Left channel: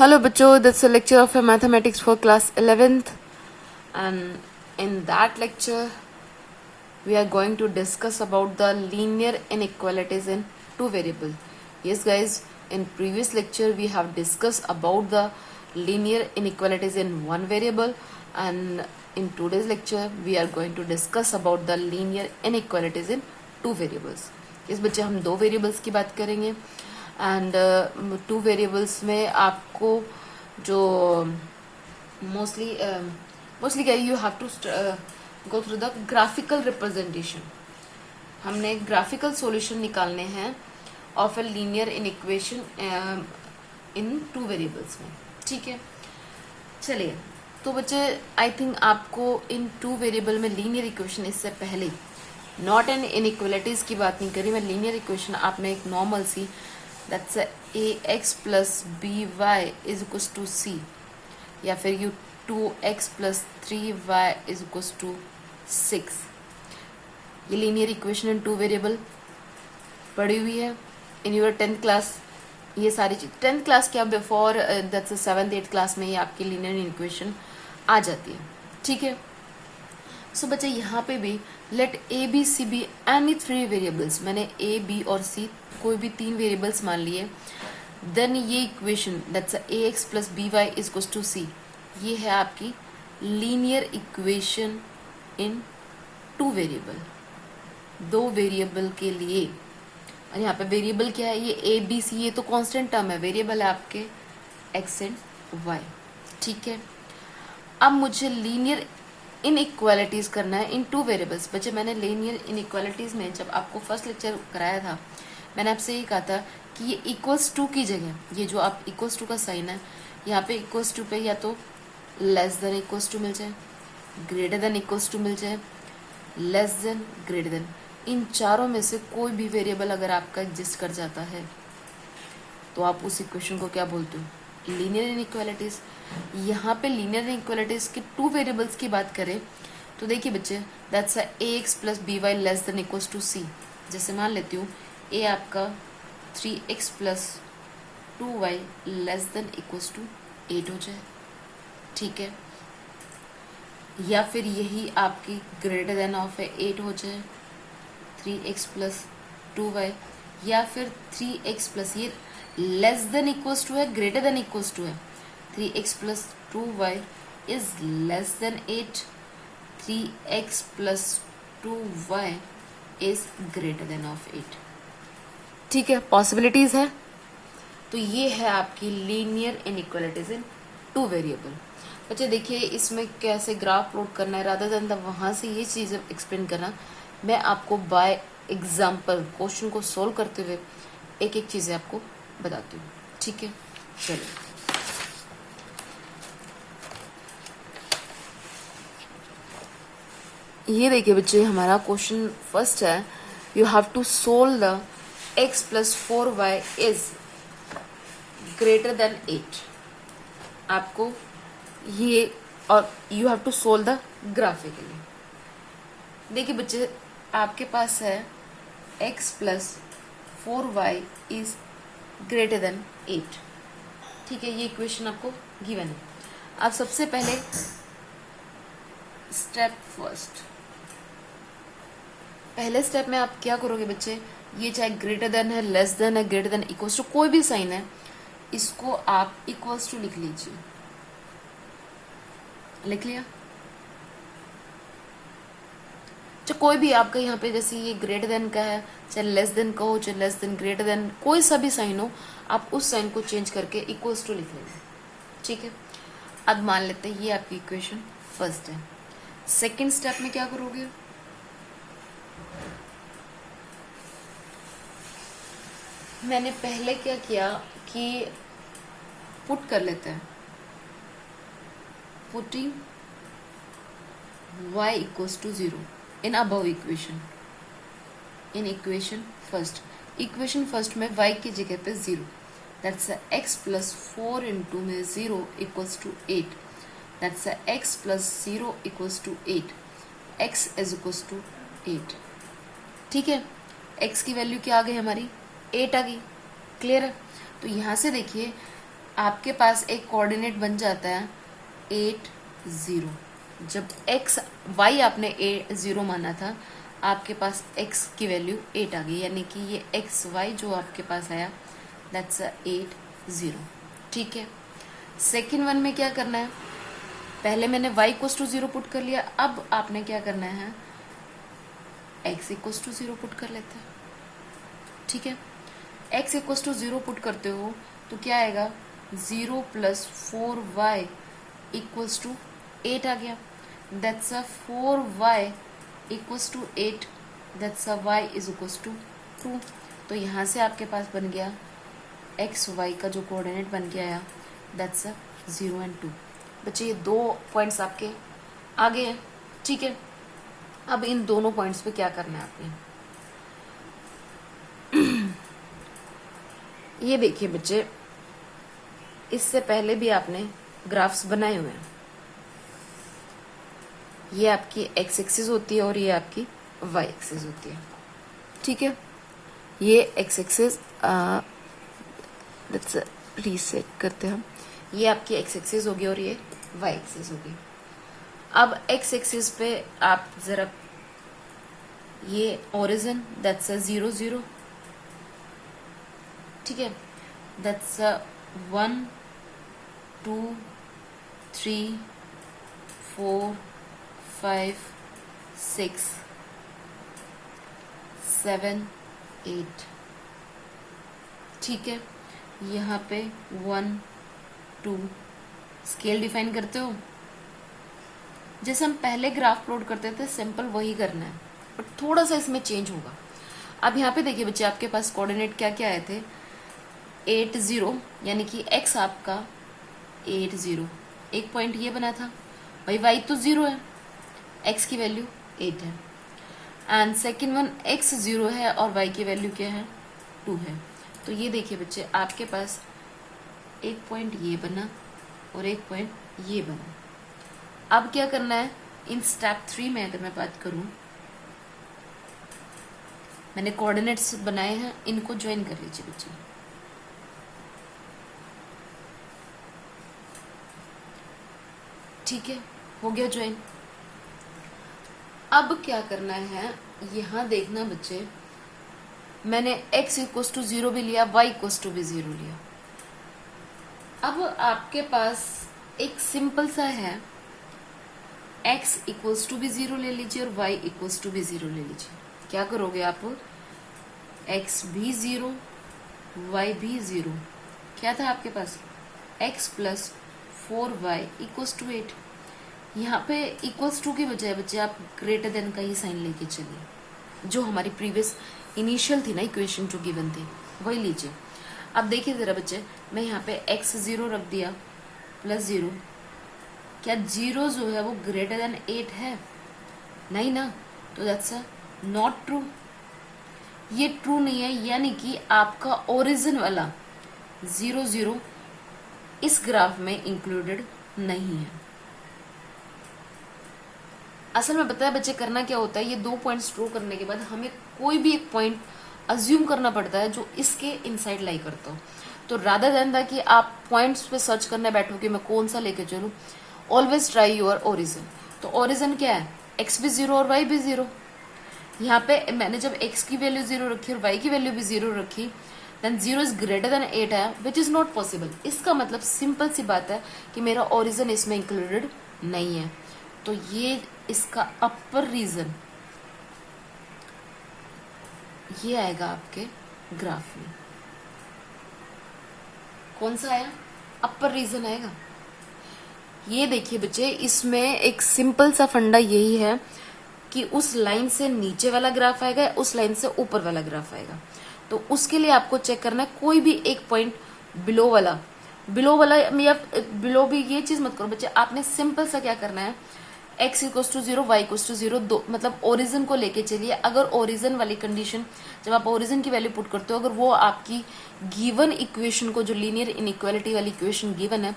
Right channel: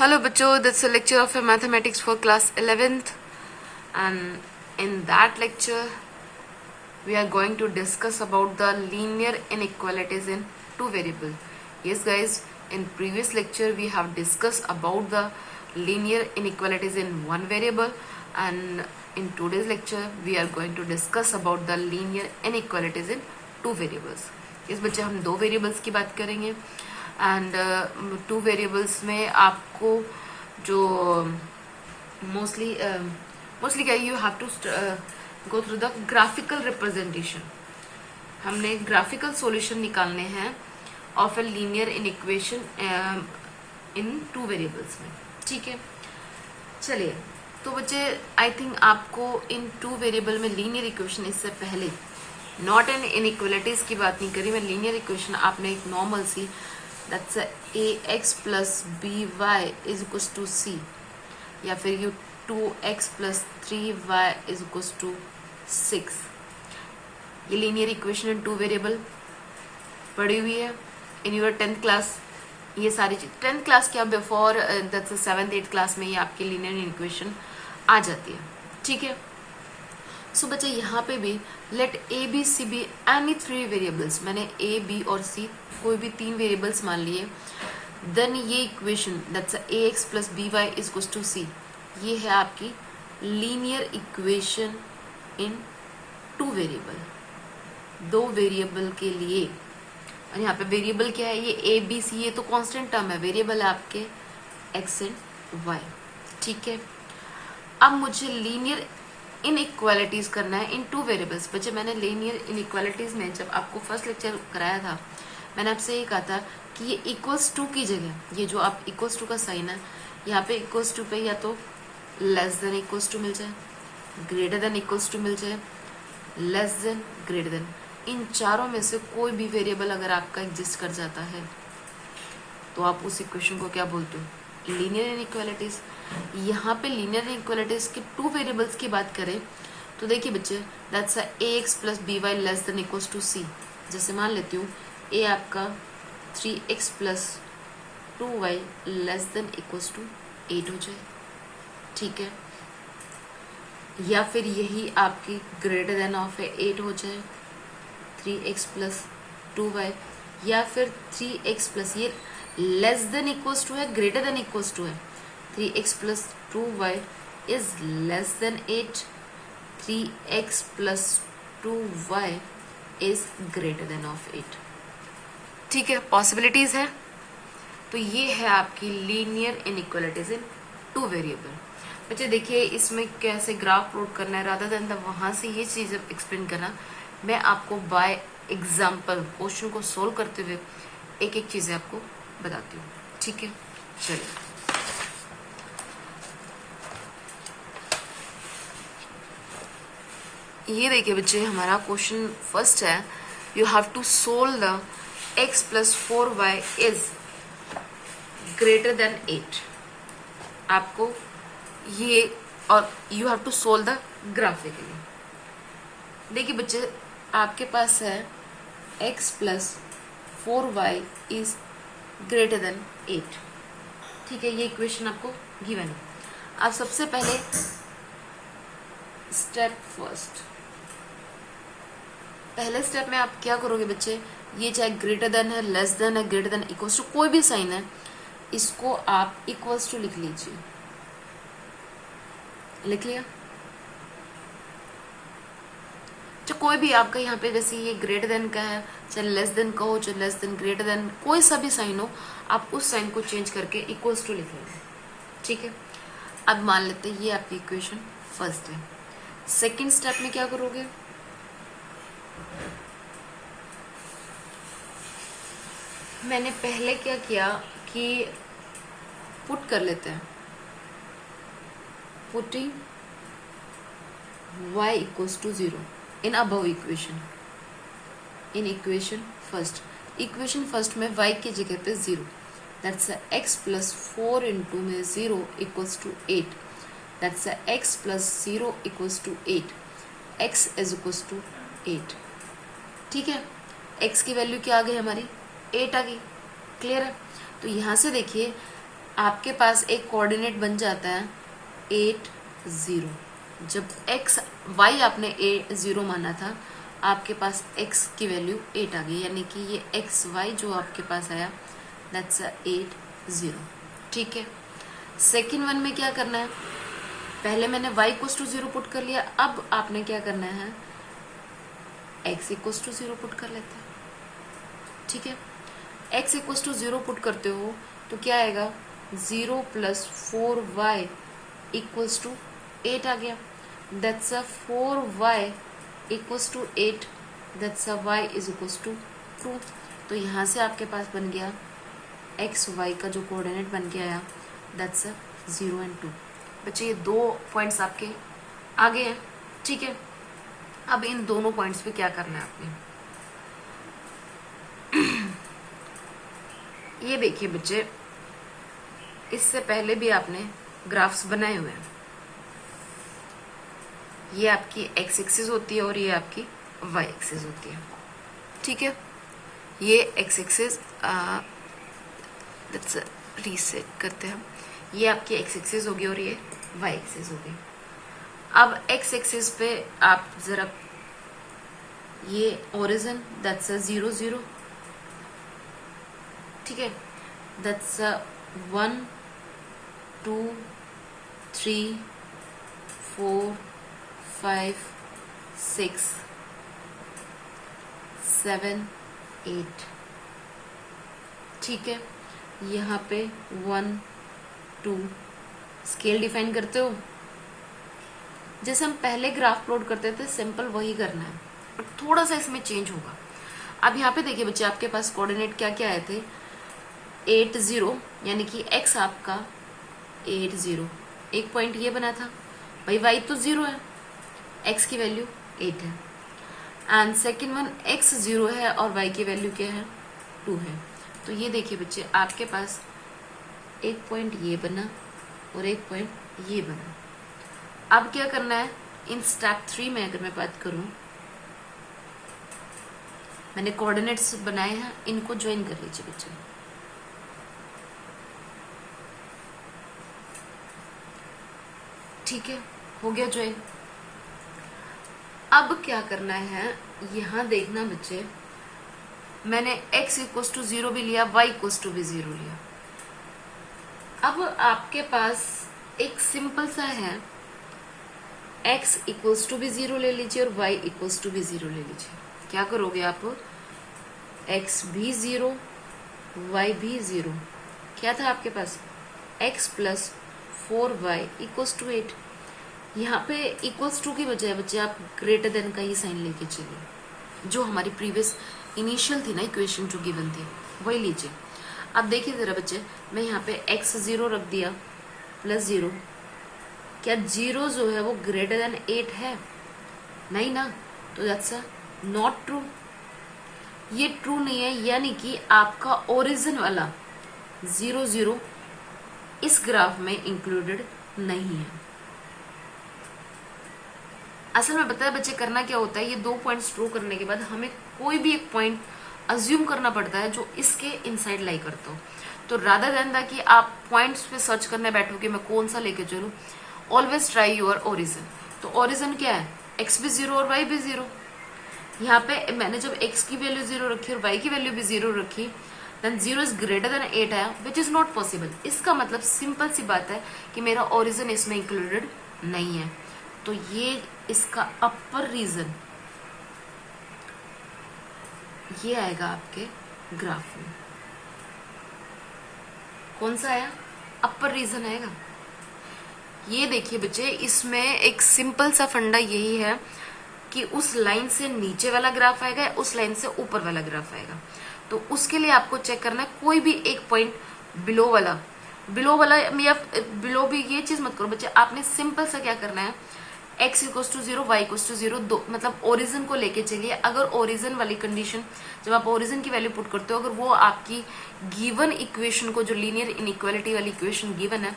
Hello बच्चों, this is a lecture of mathematics for class 11th, and in that lecture we are going to discuss about the linear inequalities in two variables. Yes guys, in previous lecture we have discussed about the linear inequalities in one variable, and in today's lecture we are going to discuss about the linear inequalities in two variables. इस बच्चे हम दो variables की बात करेंगे and to variables में आपको जो मोस्टली क्या you have to go through the graphical representation. हमने ग्राफिकल सॉल्यूशन निकालने हैं of a linear inequation in two variables में. ठीक है, चलिए. तो बच्चे आई थिंक आपको इन टू वेरिएबल में लीनियर इक्वेशन इससे पहले नॉट एन इनइक्वलिटीज की बात नहीं करी मैं. लीनियर इक्वेशन आपने एक नॉर्मल सी that's A X plus B Y is equal to C, या फिर you 2x plus 3y is equal to 6. ये linear equation in two variable पढ़ी हुई है इन यूर 10th क्लास. ये सारी चीज 10th क्लास क्या before that's 7th 8th class में ये आपकी लीनियर इक्वेशन आ जाती है. ठीक है, सो बच्चे यहाँ पे भी let A B C be any three variables. मैंने ए बी और सी कोई भी तीन वेरिएबल्स मान लिए. देन ये equation that's A X plus B Y is equal to C, ये है आपकी linear equation in two variable. दो वेरिएबल के लिए, और यहाँ पे वेरिएबल क्या है, ये ए बी सी, ये तो कांस्टेंट टर्म है. वेरिएबल है आपके एक्स एंड वाई. ठीक है, अब मुझे लीनियर इनइक्वालिटीज करना है इन टू वेरिएबल्स. बच्चे मैंने लीनियर इनइक्वालिटीज में जब आपको फर्स्ट लेक्चर कराया था मैंने आपसे ये कहा था कि ये इक्वल्स टू की जगह ये जो आप इक्वल्स टू का साइन है यहाँ पे इक्वल्स टू पे या तो लेस देन इक्वल्स टू मिल जाए, ग्रेटर देन इक्वल्स टू मिल जाए, लेस देन, ग्रेटर देन. इन चारों में से कोई भी वेरिएबल अगर आपका एग्जिस्ट कर जाता है तो आप उस इक्वेशन को क्या बोलते हो, लीनियर इनइक्वालिटीज. यहाँ पे लीनियर इनइक्वालिटीज की टू वेरिएबल्स की बात करें तो देखिए बच्चे that's A X plus B Y less than equals to C. जैसे मान लेती हूँ ए आपका 3x plus 2y less than equals to 8 हो जाए. ठीक है, या फिर यही आपकी ग्रेटर देन ऑफ है 8 हो जाए 3x प्लस 2y, या फिर 3x प्लस ये लेस देन इक्वल्स टू है ग्रेटर देन इक्वल्स टू है 3x plus 2y is less then 8, 3x plus 2y is greater then of 8. ठीक है, पॉसिबिलिटीज है. तो ये है आपकी लीनियर इनइक्वालिटीज इन टू वेरिएबल. बच्चे देखिए इसमें कैसे ग्राफ प्लॉट करना है रादर देन वहां से ये चीज एक्सप्लेन करना, मैं आपको बाय एग्जाम्पल क्वेश्चन को सोल्व करते हुए एक एक चीजें आपको बताती हूँ. ठीक है, चलिए. ये देखिए बच्चे हमारा क्वेश्चन फर्स्ट है, you have to solve the x plus 4y is greater than 8. आपको ये और you have to solve the graphically. देखिए बच्चे आपके पास है x plus 4y is greater than 8. ठीक है, ये इक्वेशन आपको गिवन है. आप सबसे पहले स्टेप फर्स्ट, पहले स्टेप में आप क्या करोगे बच्चे, ये चाहे ग्रेटर देन है, लेस देन है, ग्रेटर देन इक्वल्स टू कोई भी साइन है, इसको आप इक्वल्स टू लिख लीजिए. लिख लिया. तो कोई भी आपका यहाँ पे जैसे ये ग्रेटर देन का है, चाहे लेस देन का हो, चाहे लेस देन, ग्रेटर देन, कोई सा भी साइन हो, आप उस साइन को चेंज करके इक्वल्स टू लिख लीजिए. ठीक है, अब मान लेते हैं ये आपकी इक्वेशन फर्स्ट है. सेकेंड स्टेप में क्या करोगे, मैंने पहले क्या किया कि पुट कर लेते हैं, putting y equals to 0 in above equation. In equation first में y की जगह पे 0, दैट्स x प्लस 4 इंटू में 0 equals to 8, that's x plus 0 equals to 8, x is equals to 8. ठीक है, x की वैल्यू क्या आ गई हमारी 8 आ गई. क्लियर है. तो यहां से देखिए आपके पास एक कोऑर्डिनेट बन जाता है 8 0। जब x y आपने 0 माना था, आपके पास x की वैल्यू 8 आ गई, यानी कि ये एक्स वाई जो आपके पास आया दैट्स 8 0। ठीक है, सेकेंड वन में क्या करना है, पहले मैंने y इक्वल टू 0 पुट कर लिया, अब आपने क्या करना है x इक्वल टू 0 पुट कर लेते हैं। ठीक है, x इक्वल टू 0 पुट करते हो तो क्या आएगा 0 प्लस 4y इक्वल्स टू 8 आ गया, that's 4y equals to 8, that's y is equals to 2। तो यहां से आपके पास बन गया एक्स वाई का जो कोऑर्डिनेट बन के आया दैट्स 0 एंड 2। बच्चे ये 2 पॉइंट्स आपके आगे हैं। ठीक है, अब इन दोनों पॉइंट्स पे क्या करना है आपने, ये देखिए बच्चे, इससे पहले भी आपने ग्राफ्स बनाए हुए हैं। ये आपकी एक्स एक्सिस होती है और ये आपकी वाई एक्सिस होती है। ठीक है, ये एक्स एक्सिस रीसेट करते हैं, ये आपकी एक्स एक्सिस होगी और ये वाई एक्सिस होगी। अब एक्स एक्सिस पे आप जरा ये ओरिजिन दैट्स 0 0। ठीक है, दैट्स 1 2 3 4 5 6 7 8। ठीक है, यहाँ पे 1 2 स्केल डिफाइन करते हो, जैसे हम पहले ग्राफ प्लॉट करते थे सिंपल वही करना है, पर थोड़ा सा इसमें चेंज होगा। अब यहाँ पे देखिए बच्चे, आपके पास कोऑर्डिनेट क्या क्या आए थे 8 0, यानी कि x आपका 8 0, एक पॉइंट ये बना था भाई, y तो 0 है, x की वैल्यू 8 है, एंड सेकेंड वन x 0 है और y की वैल्यू क्या है 2 है। तो ये देखिए बच्चे, आपके पास एक पॉइंट ये बना और एक पॉइंट ये बना। अब क्या करना है, इन स्टेप 3 में अगर मैं बात करूं, मैंने कोऑर्डिनेट्स बनाए हैं, इनको ज्वाइन कर लीजिए बच्चे। ठीक है, हो गया ज्वाइन। अब क्या करना है, यहां देखना बच्चे, मैंने x इक्वल टू 0 भी लिया, y इक्वल टू भी 0 लिया। अब आपके पास एक सिंपल सा है, x इक्वल्स टू भी 0 ले लीजिए और y इक्वल्स टू भी 0 ले लीजिए। क्या करोगे आप, x भी 0 y भी 0, क्या था आपके पास x plus 4y equals to 8। यहाँ पे इक्वल्स टू की बजाय बच्चे आप ग्रेटर देन का ही साइन लेके चलिए, जो हमारी प्रीवियस इनिशियल थी ना इक्वेशन जो गिवन थी वही लीजिए। अब देखिए जरा बच्चे, मैं यहाँ पे x 0 रख दिया प्लस 0, क्या 0 जो है वो ग्रेटर देन 8 है? नहीं ना, तो दैट्स नॉट ट्रू, ये ट्रू नहीं है, यानी कि आपका ओरिजिन वाला 0 0 इस ग्राफ में इंक्लूडेड नहीं है। असल में बताया बच्चे, करना क्या होता है, ये 2 पॉइंट्स ड्रॉ करने के बाद हमें कोई भी एक पॉइंट अज्यूम करना पड़ता है जो इसके इनसाइड लाई करता हो। तो रादर देन दैट कि आप पॉइंट्स पे सर्च करने बैठो कि मैं कौन सा लेके चलूं, ऑलवेज ट्राई योर ओरिजिन। तो ओरिजिन क्या है, x भी 0 और y भी 0। यहाँ पे मैंने जब x की वैल्यू 0 रखी और y की वैल्यू भी 0 रखी, देन 0 इज ग्रेटर देन 8 आया, विच इज नॉट पॉसिबल। इसका मतलब सिंपल सी बात है कि मेरा ओरिजिन इसमें इंक्लूडेड नहीं है। तो ये इसका अपर रीजन ये आएगा आपके ग्राफ में। कौन सा आया, अपर रीजन आएगा। ये देखिए बच्चे, इसमें एक सिंपल सा फंडा यही है कि उस लाइन से नीचे वाला ग्राफ आएगा या उस लाइन से ऊपर वाला ग्राफ आएगा। तो उसके लिए आपको चेक करना है कोई भी एक पॉइंट बिलो वाला या बिलो भी, ये चीज मत करो बच्चे। आपने सिंपल सा क्या करना है, x equals to 0 y equals to 0, मतलब ओरिजिन को लेके चलिए। अगर ओरिजिन वाली कंडीशन, जब आप ओरिजिन की वैल्यू पुट करते हो, अगर वो आपकी गिवन इक्वेशन को, जो लीनियर इनइक्वालिटी वाली इक्वेशन गिवन है,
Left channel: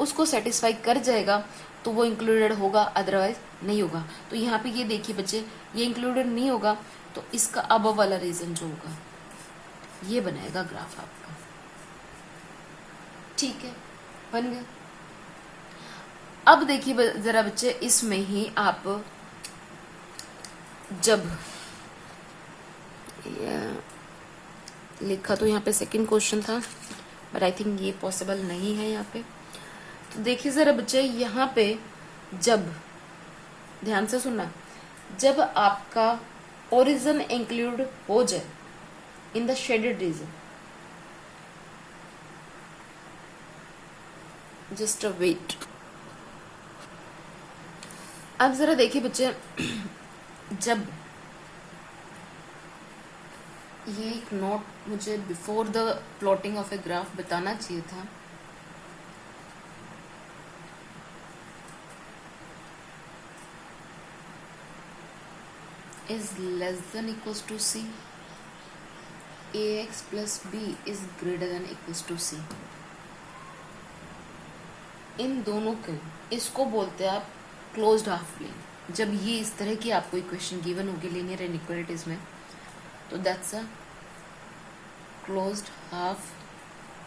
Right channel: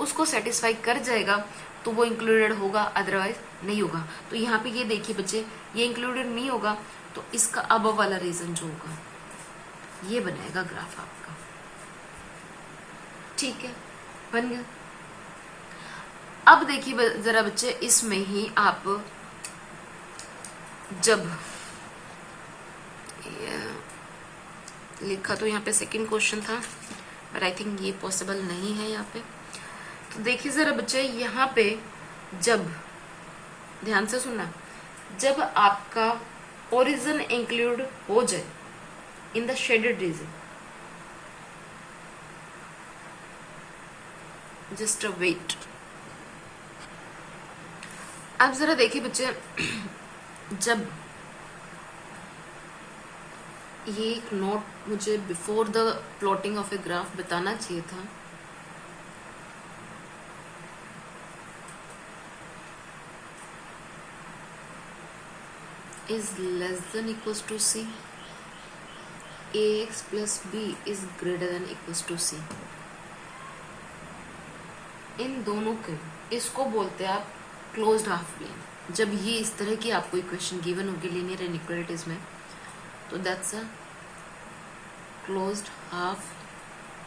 उसको सेटिस्फाई कर जाएगा तो वो इंक्लूडेड होगा, अदरवाइज नहीं होगा। तो यहाँ पे ये देखिए बच्चे, ये इंक्लूडेड नहीं होगा तो इसका अब वाला रीजन जो होगा ये बनाएगा ग्राफ आपका। ठीक है। बन गया। अब देखिए जरा बच्चे, इसमें ही आप जब लिखा तो यहाँ पे सेकंड क्वेश्चन था, बट आई थिंक ये पॉसिबल नहीं है यहाँ पे। तो देखिए जरा बच्चे, यहाँ पे जब, ध्यान से सुनना, जब आपका ओरिजिन इंक्लूड हो जाए in the shaded region, just a wait. अब जरा देखिए बच्चे, जब ये एक नोट मुझे before the plotting of a graph बताना चाहिए था। is less than equals to c, ax plus b is greater than equals to c। इन दोनों के, इसको बोलते हैं आप क्लोज्ड हाफ प्लेन। जब ये इस तरह की आपको इक्वेशन गिवन होगी लीनियर इनइक्वालिटीज में, तो that's a closed half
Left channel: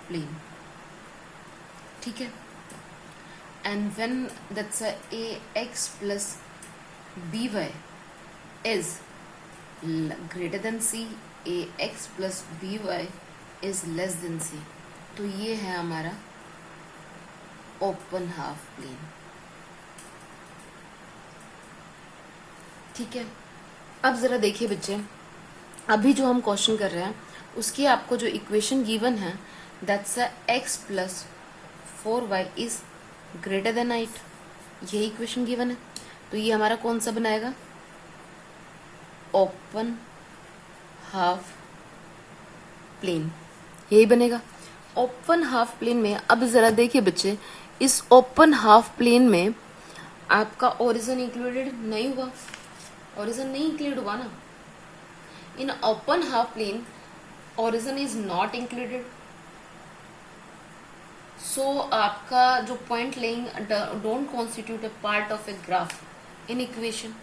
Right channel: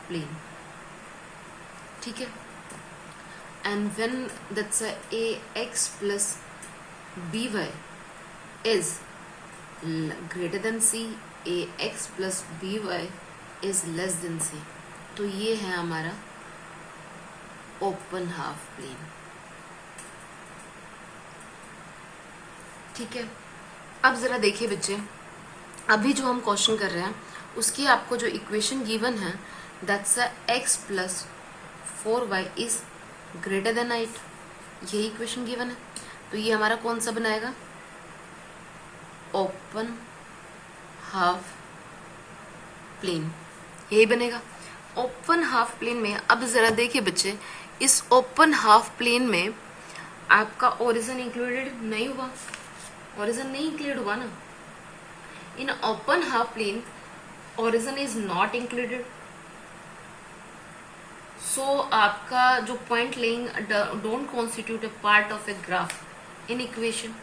plane, ठीक है। And when that's a ax plus by is greater than c, ax plus by is less than c, तो ये है हमारा ओपन हाफ प्लेन, ठीक है। अब जरा देखिए बच्चे, अभी जो हम क्वेश्चन कर रहे हैं उसकी आपको जो इक्वेशन गिवन है, that's a x plus 4y is greater than 8, यही इक्वेशन गिवन है। तो ये हमारा कौन सा बनाएगा, ओपन हाफ प्लेन, यही बनेगा ओपन हाफ प्लेन में। अब जरा देखिए बच्चे, इस ओपन हाफ प्लेन में आपका ओरिजिन इंक्लूडेड नहीं हुआ, ओरिजिन नहीं इंक्लूड हुआ ना। In open half plane origin is not included, so आपका जो point lying don't constitute a part of a graph in equation.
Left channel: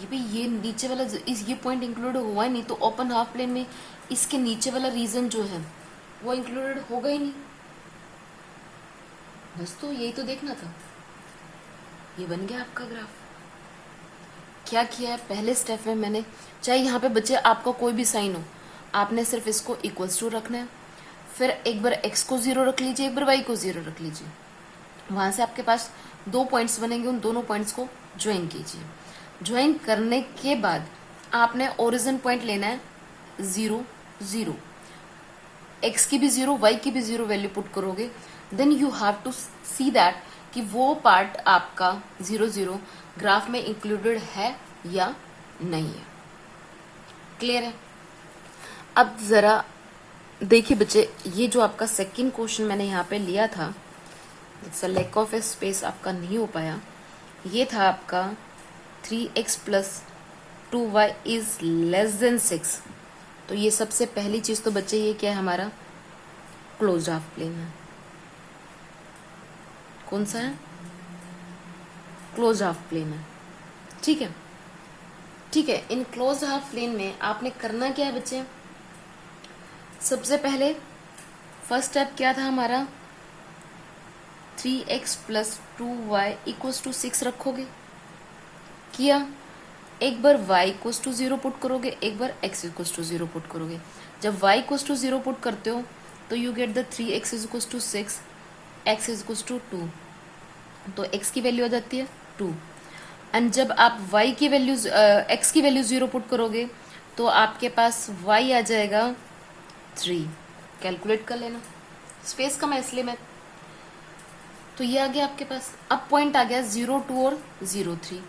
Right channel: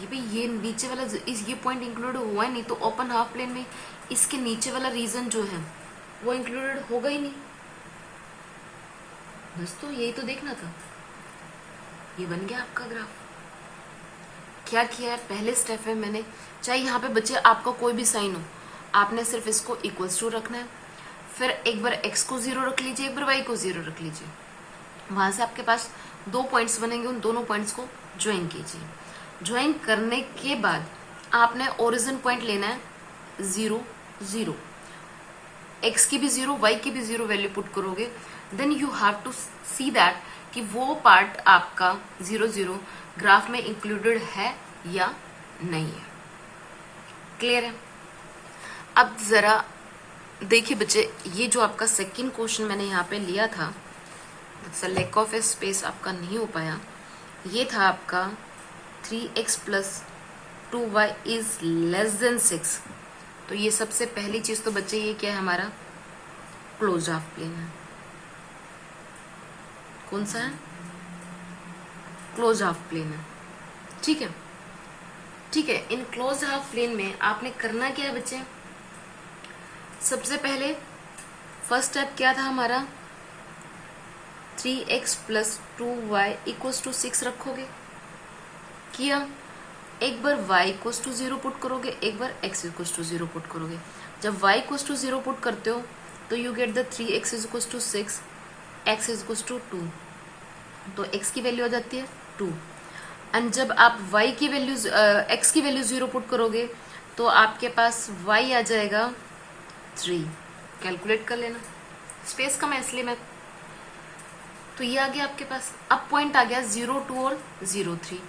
ये भी ये नीचे वाला ये पॉइंट इंक्लूड हुआ ही नहीं, तो ओपन हाफ प्लेन में इसके नीचे वाला रीजन जो है वो इंक्लूडेड होगा ही नहीं। बस तो यही तो देखना था। ये बन गया आपका ग्राफ। क्या किया है, पहले स्टेप में मैंने, चाहे यहाँ पे बच्चे आपका कोई भी साइन हो, आपने सिर्फ इसको इक्वल्स टू रखना है, फिर एक बार x को 0 रख लीजिए, एक बार y को 0 रख लीजिए। वहां से आपके पास 2 पॉइंट्स बनेंगे, उन दोनों पॉइंट्स को ज्वाइन कीजिए। ज्वाइन करने के बाद आपने ओरिजिन पॉइंट लेना है 0 0, x की भी 0 y की भी 0 वैल्यू पुट करोगे, then you have to see that कि वो पार्ट आपका 0 0 ग्राफ में इंक्लूडेड है या नहीं है। क्लियर है। अब जरा देखिए बच्चे, ये जो आपका सेकंड क्वेश्चन मैंने यहाँ पे लिया था, लैक ऑफ ए स्पेस आपका नहीं हो पाया, ये था आपका 3x plus 2y is less than 6। तो ये सबसे पहली चीज तो बच्चे ये क्या है, हमारा क्लोज्ड हाफ प्लेन है। कौन सा है, क्लोज्ड हाफ प्लेन है, ठीक है। ठीक है, इन क्लोज्ड हाफ प्लेन में आपने करना क्या है बच्चे, सबसे पहले फर्स्ट स्टेप क्या था हमारा, 3x plus 2y equals to 6 रखोगे, किया। एक बार y इक्वल्स टू 0 पुट करोगे, एक बार x इक्वल्स टू 0 पुट करोगे। जब y इक्वल्स टू 0 पुट करते हो तो you get the 3x equals to 6, x equals to 2, तो x की वैल्यू आ जाती है 2। एंड जब आप y की वैल्यू x की वैल्यू 0 पुट करोगे तो आपके पास y आ जाएगा 3। कैलकुलेट कर लेना, स्पेस कम है इसलिए मैं, तो ये आ गया आपके पास। अब पॉइंट आ गया 0 2 और 0 3।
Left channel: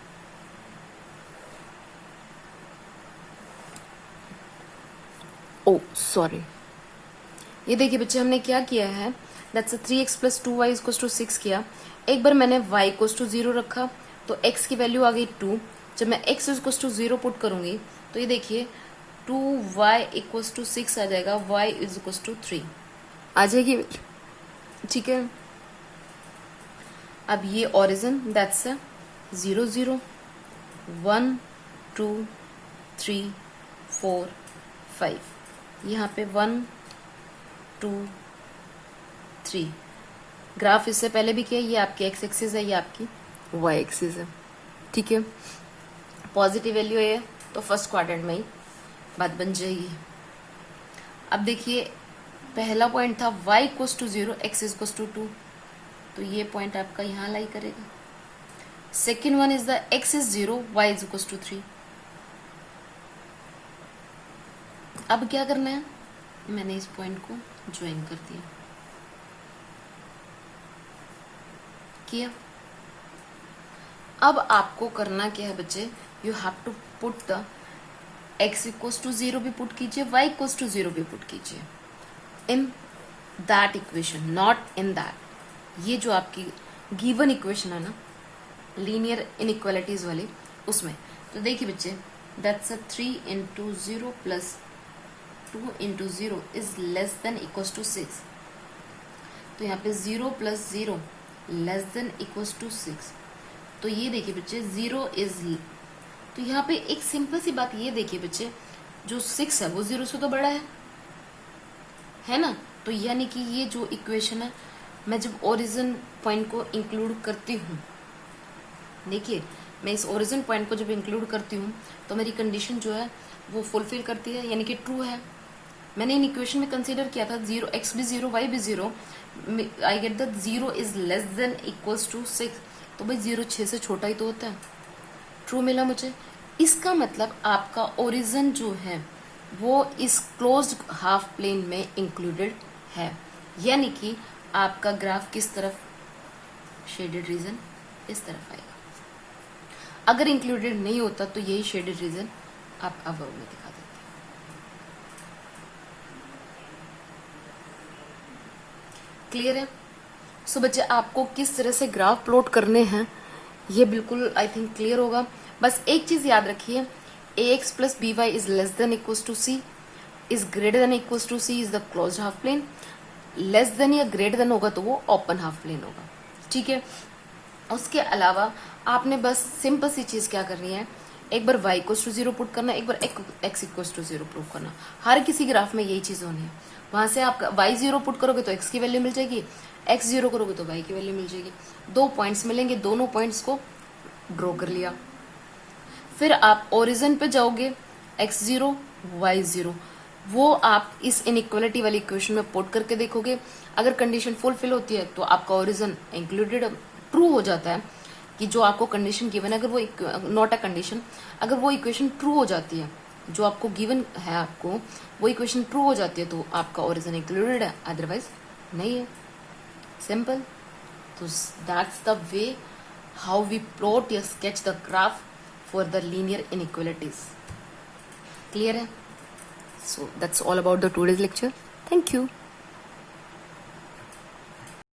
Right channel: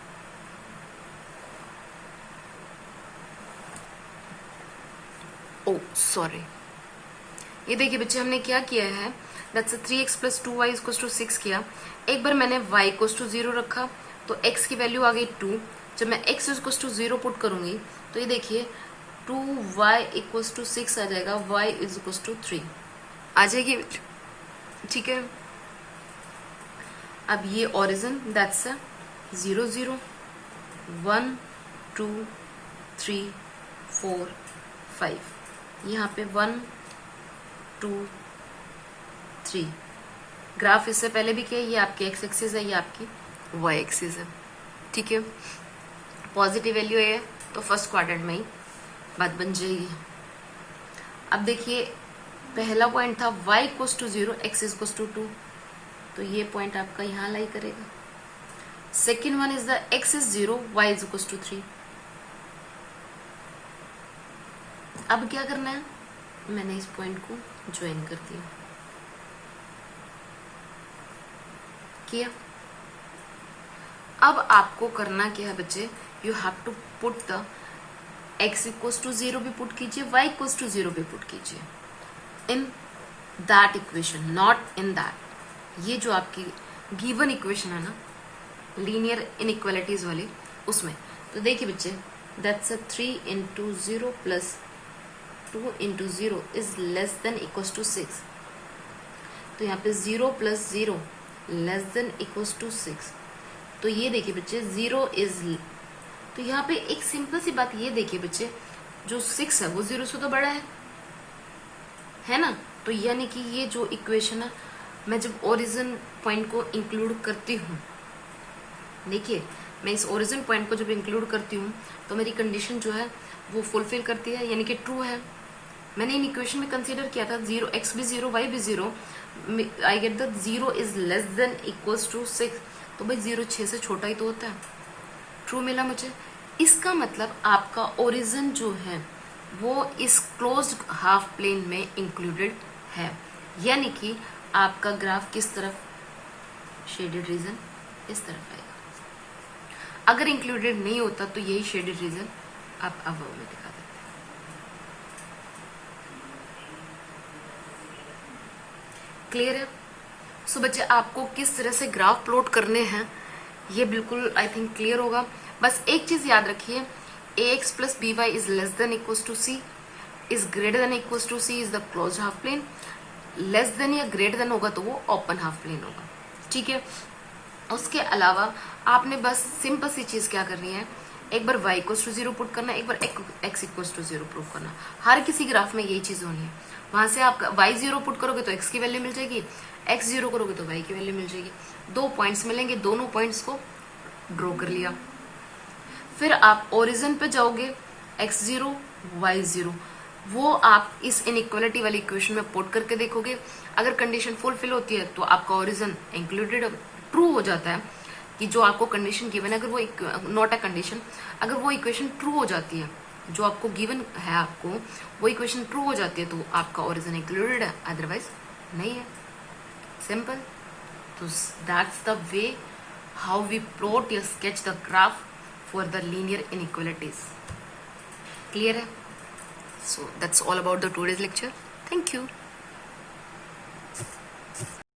ओ सॉरी, ये देखिए बच्चे, हमने क्या किया है, that's 3x plus 2y equals to 6 किया। एक बार मैंने y इक्वल्स टू 0 रखा तो x की वैल्यू आ गई 2। जब मैं x इक्वल्स टू 0 पुट करूंगी तो ये देखिए 2y इक्वल्स टू 6 आ जाएगा, y इक्वल्स टू 3 आ जाएगी, ठीक है। अब ये ओरिजिन दैट्स 0 0 1 2 3 4 5, यहाँ पे 1 2 3। ग्राफ इससे पहले भी किया, ये आपकी एक्स एक्सिस है, ये आपकी वाई एक्सिस है, ठीक है। पॉजिटिव वैल्यू है तो फर्स्ट क्वाड्रेंट में ही बात बन जाएगी। अब देखिए पहला पॉइंट था y equals to 0 x equals to 2, तो ये पॉइंट आपका यहाँ लाई करेगा। Second one is the x is 0 y is equals to 3। अब क्या करना है, मैंने इस पॉइंट को ज्वाइन कर दिया, किया। अब आपको करना क्या है बच्चे, you have to put the x equals to 0 भी पुट कीजिए, y इक्वल्स टू 0 भी पुट कीजिए in that equation, not in that. ये जो आपकी गिवन इक्वेशन है ना लीनियर इनइक्वालिटीज वाली, उसमें तो देखिए बच्चे that's a 3 into 0 plus 2 into 0 is less than equals to 6। तो यहाँ पे 0 plus 0 less than equals to 6। तो ये देखिए बच्चे 0 इज, तो यहाँ पे एक सिंपल सी बात ये देखिए बच्चे, जो 6 है वो 0 से तो बड़ा है ना। तो यानी कि ये जो इक्वेशन है, मैं जब ओरिजिन पॉइंट को इंक्लूड करती हूँ, देखिए मैं इस ओरिजिन पॉइंट को जब इंक्लूड करती हूँ तो मेरी कंडीशन जो है वो फुलफिल करती है, यानी कि ट्रू है। मैंने इन इक्वेशन में कंसीडर किया था 0 x भी 0 y भी 0, I get the 0 is less than equals to 6। तो भाई 0 6 से छोटा ही तो होता है, ट्रू मिला मुझे। इसका मतलब आपका ओरिजिन जो है वो इस क्लोज्ड हाफ प्लेन में इंक्लूडेड है, यानी कि आपका ग्राफ किस तरफ, शेडेड रीजन इस तरफ आएगा। अगर इंक्लूडेड नहीं होता तो यही शेडेड रीजन आप अबव में दिखा देते हैं। क्लियर है? सो बच्चे आपको किस तरह से ग्राफ प्लॉट करने हैं ये बिल्कुल आई थिंक क्लियर होगा। बस एक चीज याद रखिए, ax plus B Y is less than equals to C, is greater than equals to C is the closed half plane. Less than या ग्रेटर देन होगा तो वो ओपन हाफ प्लेन होगा, ठीक है। उसके अलावा आपने बस सिंपल सी चीज क्या करनी है, एक बार y इक्वल्स टू 0 पुट करना, एक बार x इक्वल्स टू 0 पुट करना। हर किसी ग्राफ में यही चीज होनी है। वहां से आप y 0 पुट करोगे तो x की वैल्यू मिल जाएगी, x 0 करोगे तो y की वैल्यू मिल जाएगी। 2 पॉइंट्स मिलेंगे, दोनों पॉइंट्स को ड्रॉ कर लिया। फिर आप ओरिजिन पे जाओगे, x 0 y 0, वो आप इस इनइक्वालिटी वाली इक्वेशन में पुट करके देखोगे। अगर कंडीशन फुलफिल होती है तो आपका ओरिजिन इंक्लूडेड, ट्रू हो जाता है कि जो आपको कंडीशन गिवन है, अगर वो नॉट अ कंडीशन, अगर वो इक्वेशन ट्रू हो जाती है, जो आपको गिवन है आपको वो इक्वेशन ट्रू हो जाती है तो आपका ओरिजिन इंक्लूडेड है, अदरवाइज नहीं है। सिंपल। तो that's the way how we plot या sketch the graph for the linear inequalities. Clear है? So that's all about the today's lecture. Thank you.